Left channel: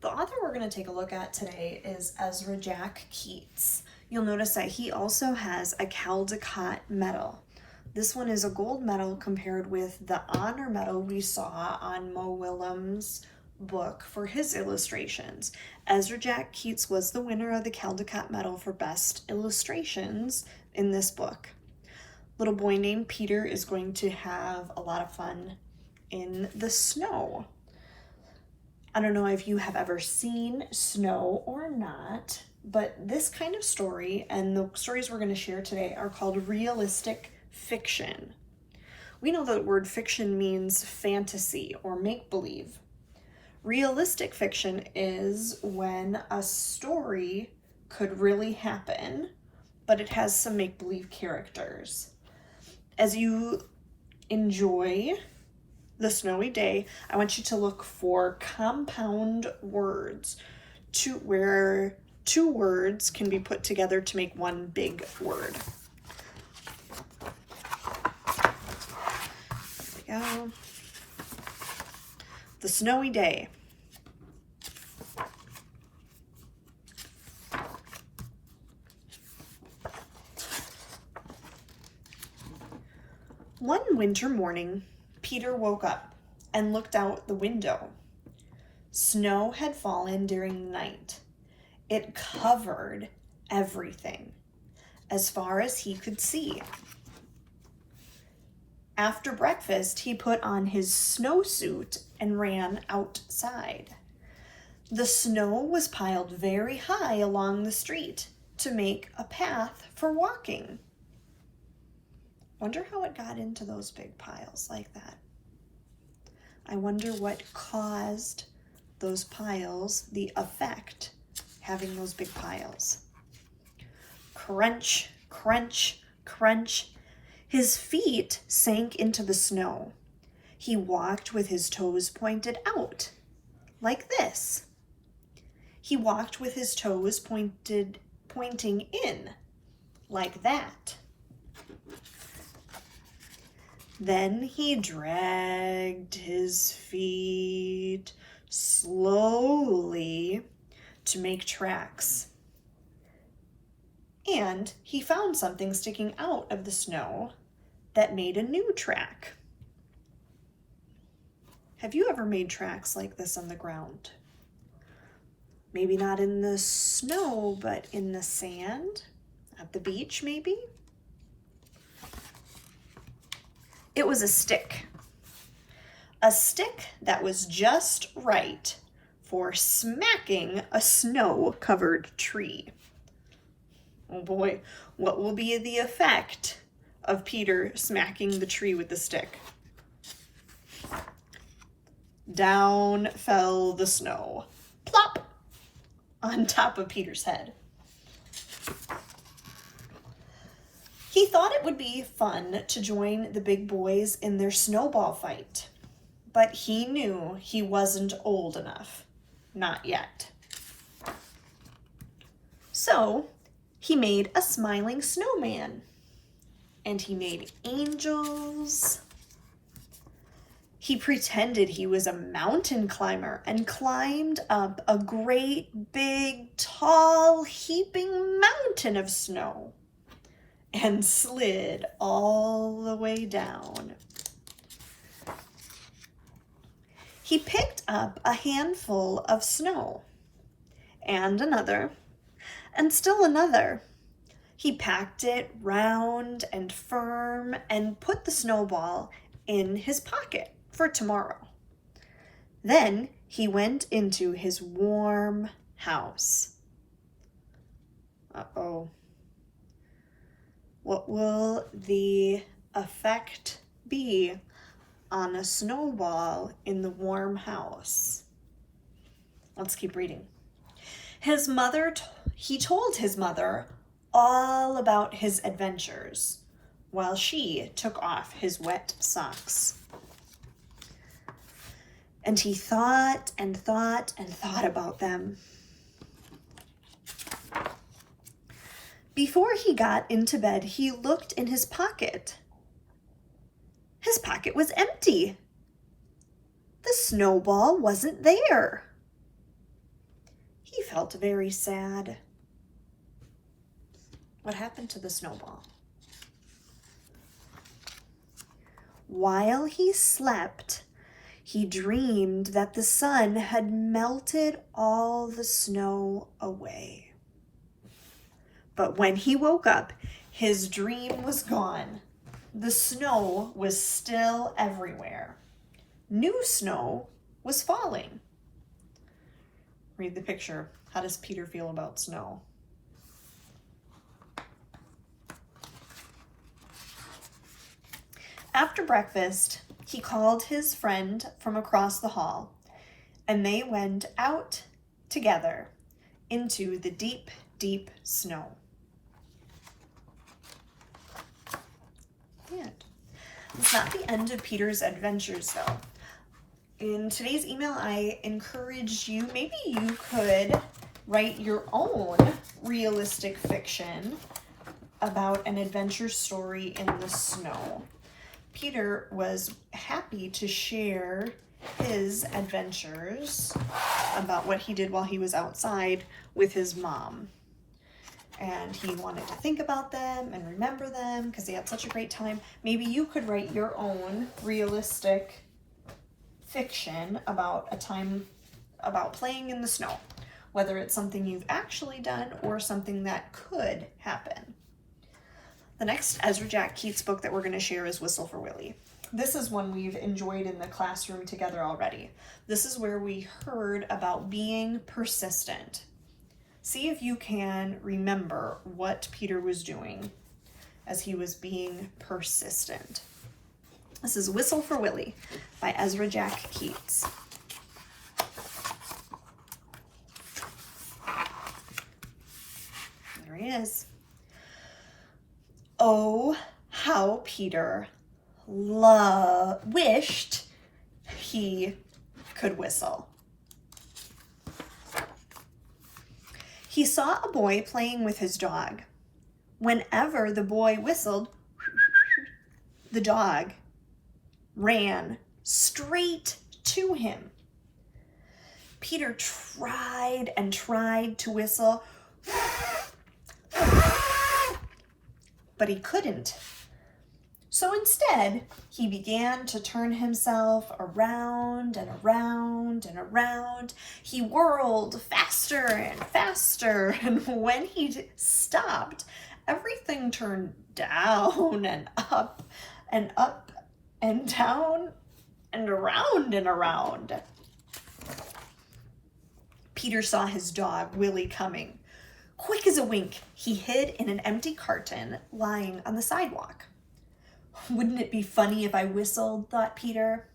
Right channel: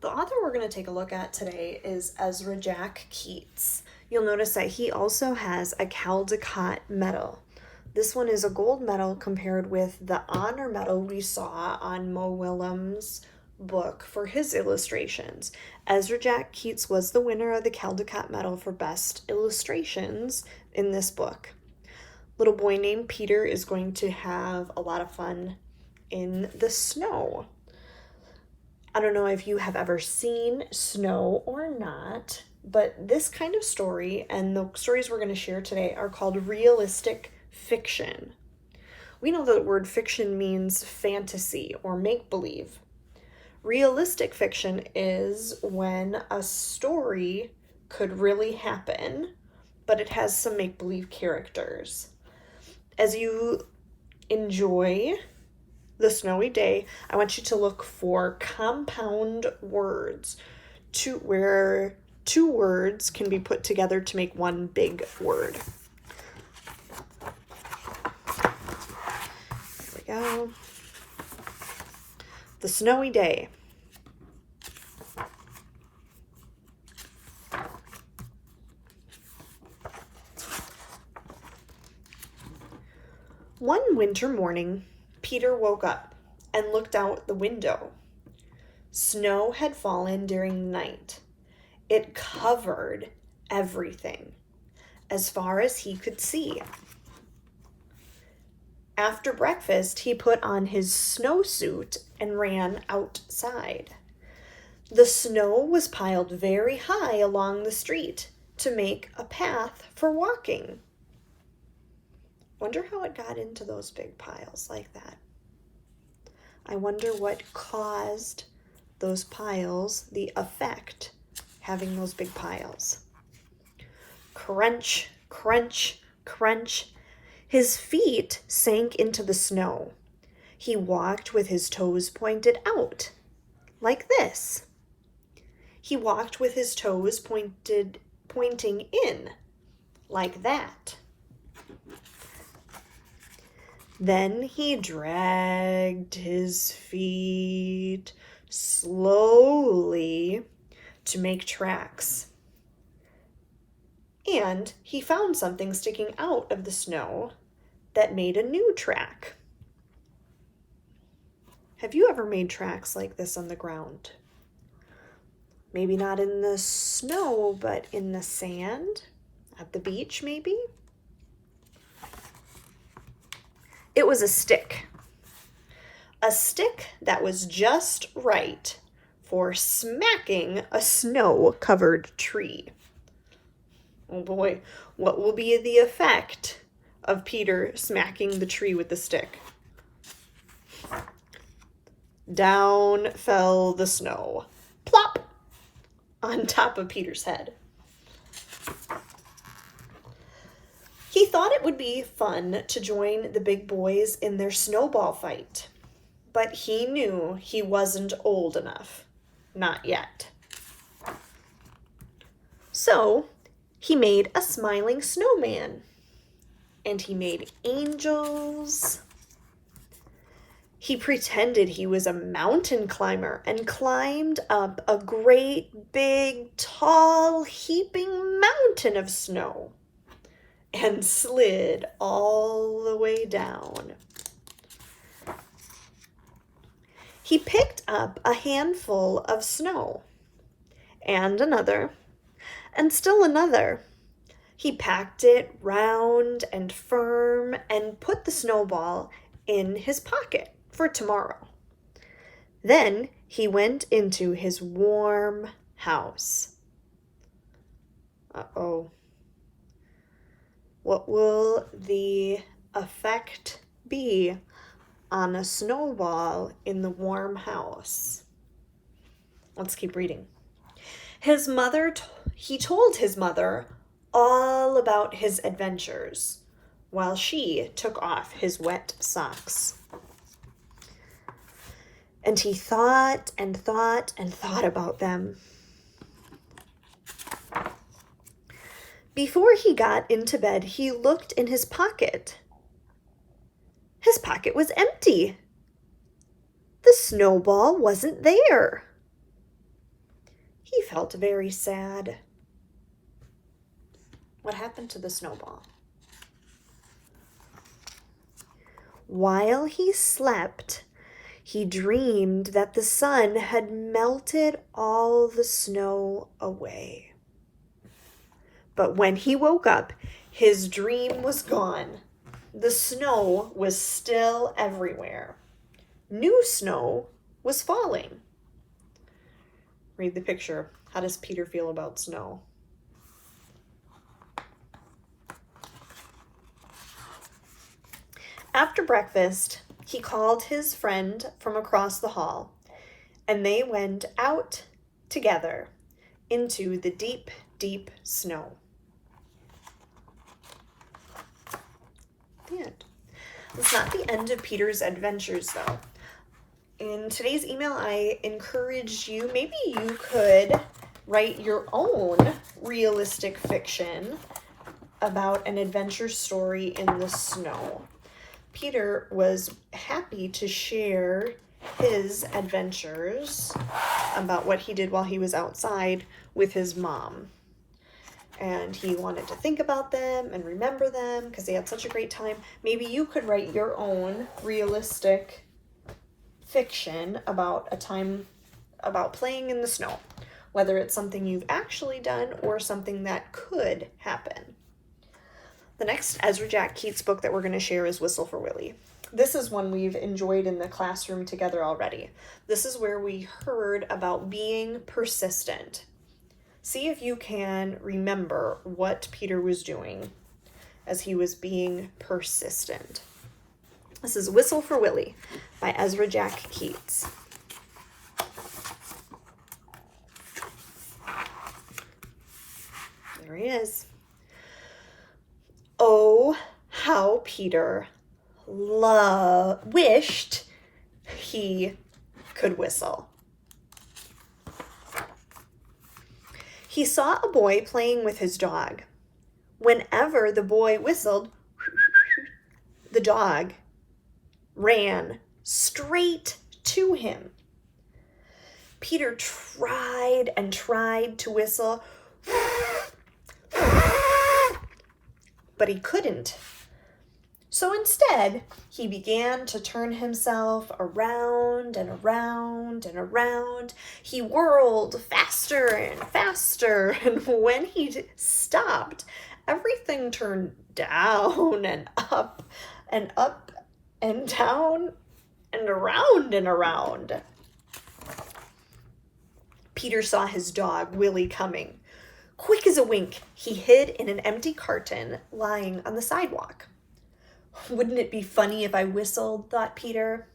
The author we're going to take a look at today is Ezra Jack Keats. You'll notice that he also has a Caldecott medal. This one is a gold medal compared with the honor medal we saw on Mo Willems' book for his illustrations. Ezra Jack Keats was the winner of the Caldecott medal for best illustrations in this book. Little boy named Peter is going to have a lot of fun in the snow. I don't know if you have ever seen snow or not, but this kind of story and the stories we're going to share today are called realistic fiction. We know that the word fiction means fantasy or make-believe. Realistic fiction is when a story could really happen, but it has some make-believe characters. As you enjoy the snowy day, I want you to look for compound words where two words can be put together to make one big word. There we go. The snowy day. One winter morning, Peter woke up and looked out the window. Snow had fallen during the night. It covered everything, as far as he could see. After breakfast, he put on his snowsuit and ran outside. The snow was piled very high along the street to make a path for walking. Wonder how it got into those big piles like that. I wonder what caused those piles, the effect, having those big piles. Crunch, crunch, crunch. His feet sank into the snow. He walked with his toes pointed out, like this. He walked with his toes pointing in, like that. Then he dragged his feet slowly to make tracks. And he found something sticking out of the snow that made a new track. Have you ever made tracks like this on the ground? Maybe not in the snow, but in the sand, at the beach maybe? It was a stick that was just right for smacking a snow-covered tree. Oh boy, what will be the effect of Peter smacking the tree with the stick? Down fell the snow, plop, on top of Peter's head. He thought it would be fun to join the big boys in their snowball fight, but he knew he wasn't old enough. Not yet. So he made a smiling snowman, and he made angels. He pretended he was a mountain climber and climbed up a great, big, tall, heaping mountain of snow and slid all the way down. He picked up a handful of snow, and another, and still another. He packed it round and firm and put the snowball in his pocket for tomorrow. Then he went into his warm house. Uh-oh. What will the effect be on a snowball in the warm house? Let's keep reading. He told his mother all about his adventures while she took off his wet socks. And he thought and thought and thought about them. Before he got into bed, he looked in his pocket. His pocket was empty. The snowball wasn't there. He felt very sad. What happened to the snowball? While he slept, he dreamed that the sun had melted all the snow away. But when he woke up, his dream was gone. The snow was still everywhere. New snow was falling. Read the picture. How does Peter feel about snow? After breakfast, he called his friend from across the hall, and they went out together into the deep, deep snow. The end. It's not the end of Peter's adventures, though. In today's email, I encouraged you, maybe you could write your own realistic fiction about an adventure story in the snow. Peter was happy to share his adventures about what he did while he was outside with his mom. And he wanted to think about them and remember them because they had such a great time. Maybe you could write your own realistic fiction about a time about playing in the snow, whether it's something you've actually done or something that could happen. The next Ezra Jack Keats book that we're going to share is Whistle for Willie. This is one we've enjoyed in the classroom together already. This is where we heard about being persistent. See if you can remember what Peter was doing as he was being persistent. This is Whistle for Willie by Ezra Jack Keats. There he is. Oh, how Peter wished he could whistle. He saw a boy playing with his dog. Whenever the boy whistled, the dog ran straight to him. Peter tried and tried to whistle, but he couldn't. So instead, he began to turn himself around and around and around. He whirled faster and faster, and when he stopped, everything turned down and up and up and down and around and around. Peter saw his dog, Willie, coming. Quick as a wink, he hid in an empty carton lying on the sidewalk. Wouldn't it be funny if I whistled, thought Peter.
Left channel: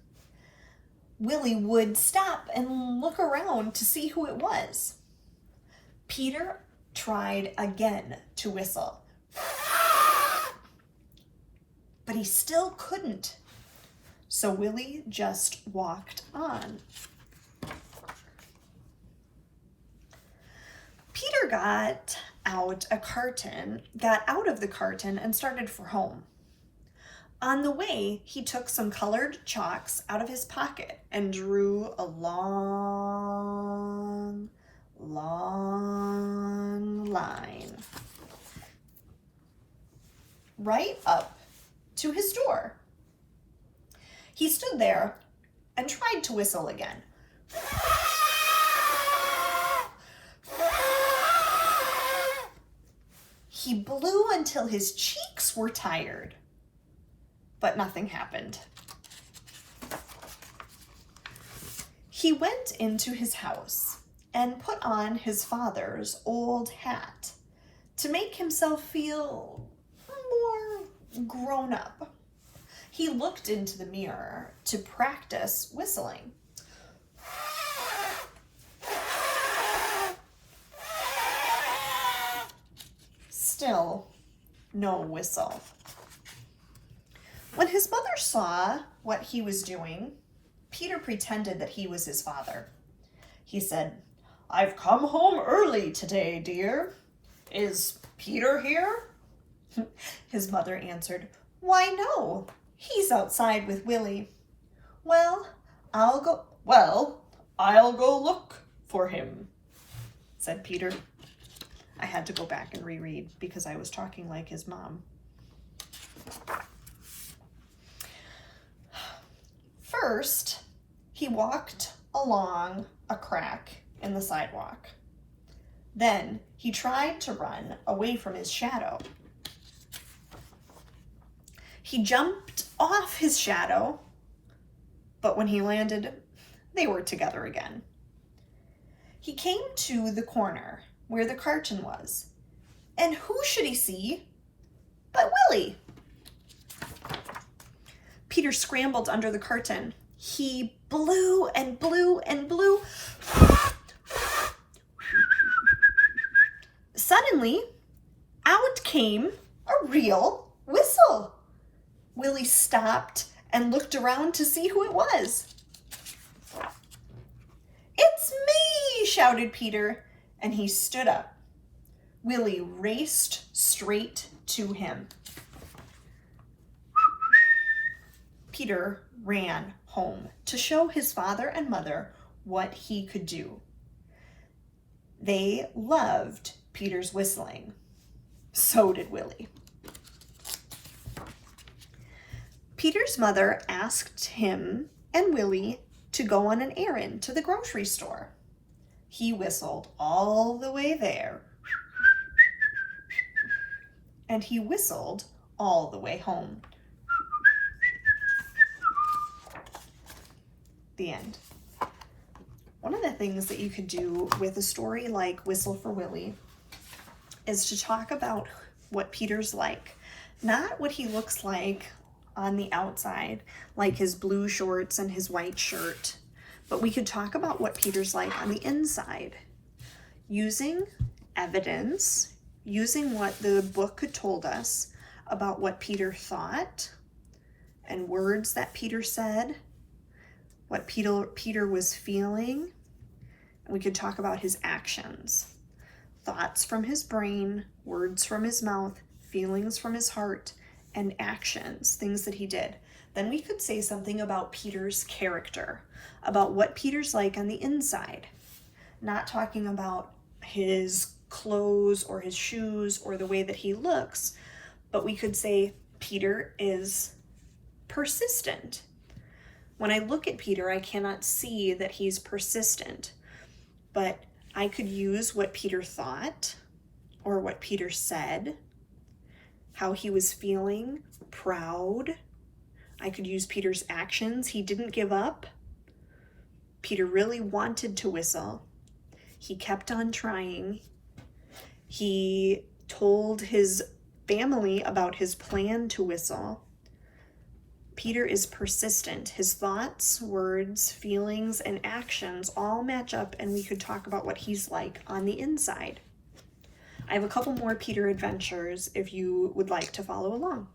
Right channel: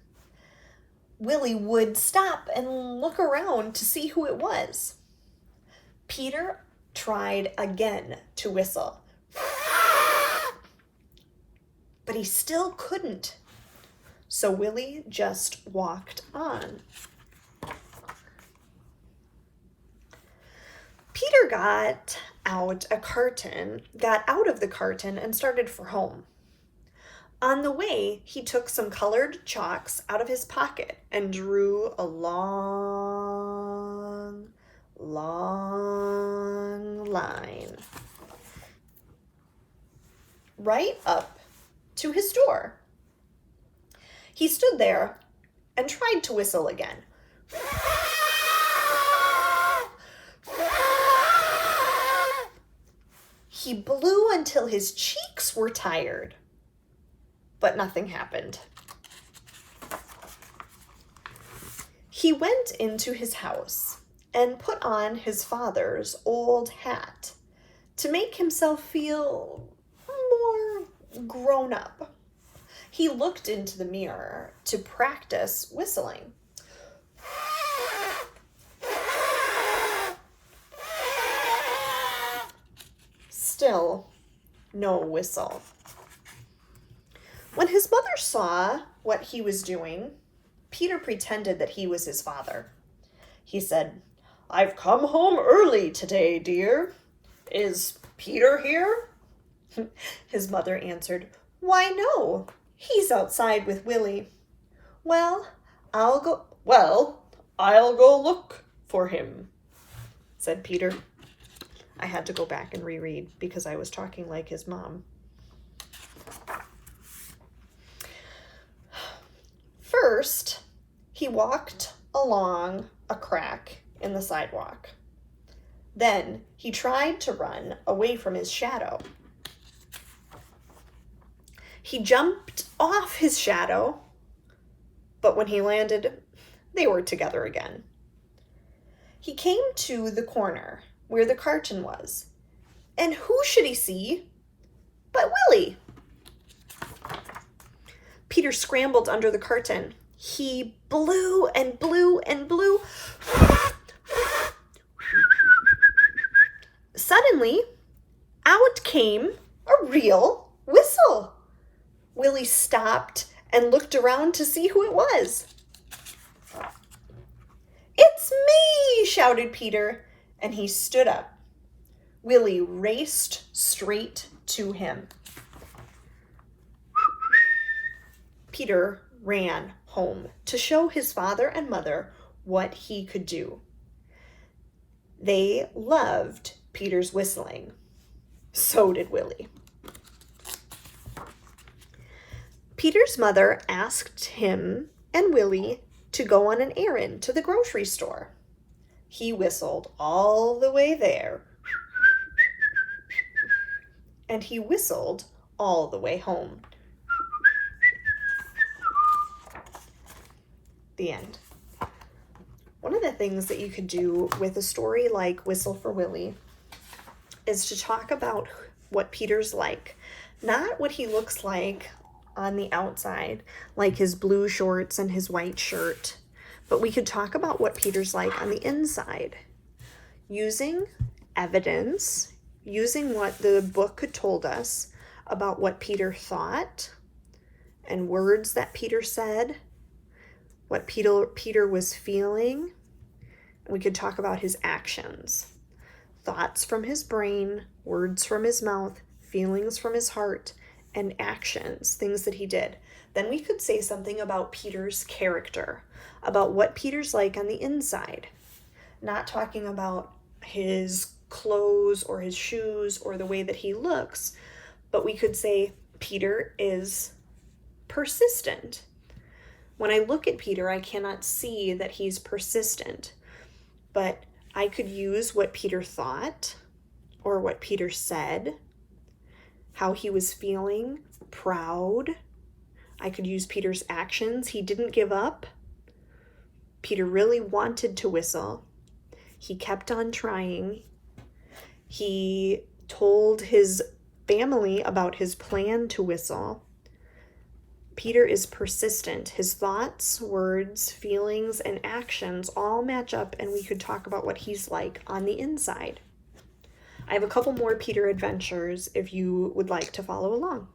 Willie would stop and look around to see who it was. Peter tried again to whistle, but he still couldn't. So Willie just walked on. Peter got out of the carton and started for home. On the way, he took some colored chalks out of his pocket and drew a long, long line right up to his door. He stood there and tried to whistle again. He blew until his cheeks were tired, but nothing happened. He went into his house and put on his father's old hat to make himself feel more grown up. He looked into the mirror to practice whistling. Still, no whistle. When his mother saw what he was doing, Peter pretended that he was his father. He said, "I've come home early today, dear. Is Peter here?" His mother answered, "Why, no. He's outside with Willie." Well, I'll go look for him." said Peter. I had to go back and reread because I was talking like his mom. First, he walked along a crack in the sidewalk. Then he tried to run away from his shadow. He jumped off his shadow, but when he landed, they were together again. He came to the corner where the carton was, and who should he see but Willie? Peter scrambled under the carton. He blew and blew and blew. Suddenly, out came a real whistle. Willie stopped and looked around to see who it was. "It's me!" shouted Peter, and he stood up. Willie raced straight to him. Peter ran home to show his father and mother what he could do. They loved Peter's whistling. So did Willie. Peter's mother asked him and Willie to go on an errand to the grocery store. He whistled all the way there, and he whistled all the way home. The end. One of the things that you could do with a story like Whistle for Willie is to talk about what Peter's like, not what he looks like on the outside, like his blue shorts and his white shirt, but we could talk about what Peter's like on the inside, using evidence, using what the book had told us about what Peter thought and words that Peter said, what Peter was feeling. We could talk about his actions, thoughts from his brain, words from his mouth, feelings from his heart, and actions, things that he did. Then we could say something about Peter's character, about what Peter's like on the inside, not talking about his clothes or his shoes or the way that he looks, but we could say Peter is persistent. When I look at Peter, I cannot see that he's persistent, but I could use what Peter thought or what Peter said, how he was feeling, proud. I could use Peter's actions. He didn't give up. Peter really wanted to whistle. He kept on trying. He told his family about his plan to whistle. Peter is persistent. His thoughts, words, feelings, and actions all match up, and we could talk about what he's like on the inside. I have a couple more Peter adventures if you would like to follow along.